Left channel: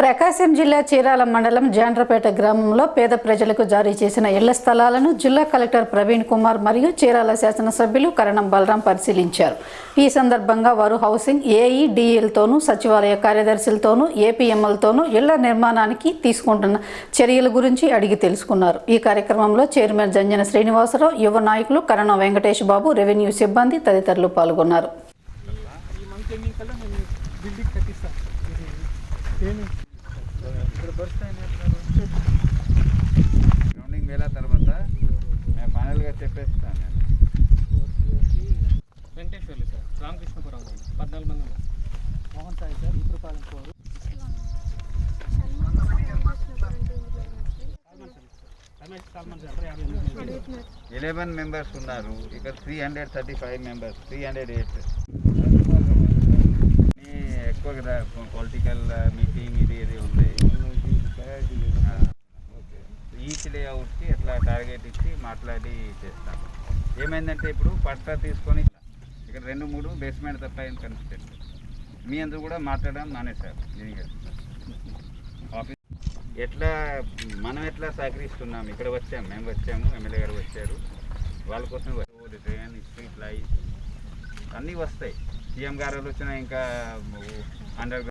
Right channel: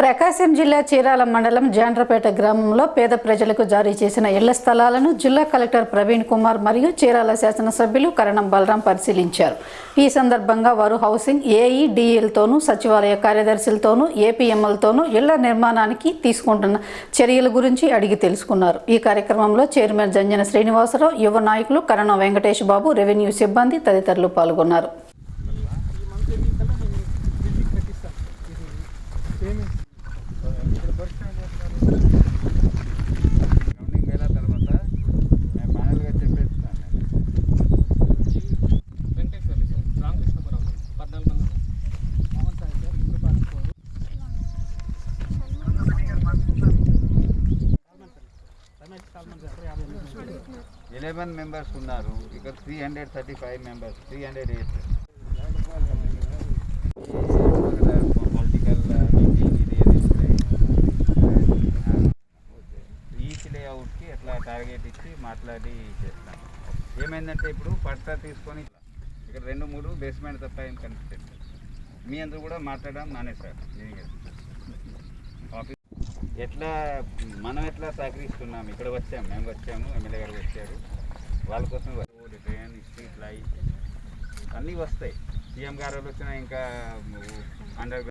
ప్రకాశం జిల్లా చీరాల మండలం జాండ్రపేట గ్రామంలో పేద ప్రజలకు జారీ చేసిన ఇళ్ల స్థలాలను జిల్లా కలెక్టర్ ప్రవీణ్ కుమార్ మరియు చీరాల శాసనసభ్యులు కరణం బలరాం పరిశీలించారు. ఈ సందర్భంగా వారు హౌసింగ్ ఏఈడీఎల్తోనూ సచివాలయ కార్యదర్శులతోనూ ఏపీఎంఎల్తోనూ ఇళ్ల నిర్మాణానికి తీసుకుంటున్న చర్యల గురించి అడిగి తెలుసుకున్నారు. ఈ కార్యక్రమంలో చైర్మన్ జంజన శ్రీనివాసరావు, యువ నాయకులు కరణం వెంకటేష్ బాబు, రెవెన్యూ సిబ్బంది తదితరులు పాల్గొన్నారు. గ్రౌండింగ్ వేల తర్వాత నేను ఫైనల్గా చెప్పేస్తాను. నేను వెంకటేశ్వర్లు సార్, రామకృష్ణపురం 14 మంది మోహన్ సాయి సార్, ఇంద్రపాలెం 11 మెంబర్స్ ఉన్నారు. ఇక్కడ 335 మెంబర్స్, 308. పొలిటికల్ మీటింగ్ ఇది ఉన్నాయి. ఈచ్ లేఅవుట్కి ఎట్లా టార్గెట్ ఇచ్చి మాట్లాడి చేస్తాను. ఏమైందంటే ఇప్పుడు పట్టా తీసుకొని ఇక్కడ 2-3 బేస్మెంట్ తప్ప ఏం కనిపించండి. మీ అందరూ కూడా మాట్లాడడం మానేశారు. ఆఫీస్ ఎట్లా మనం ఎట్లా సహకరిస్తున్నాం. ఇక్కడ వచ్చాము, మేము వచ్చాము, ఎమ్మెల్యే గారు వచ్చారు, వాళ్ళ కోసం ట్రైన్ స్ట్రీట్ లైట్ అన్నీ వస్తాయి. సీఎం గారు వచ్చినా ఇంకా అండర్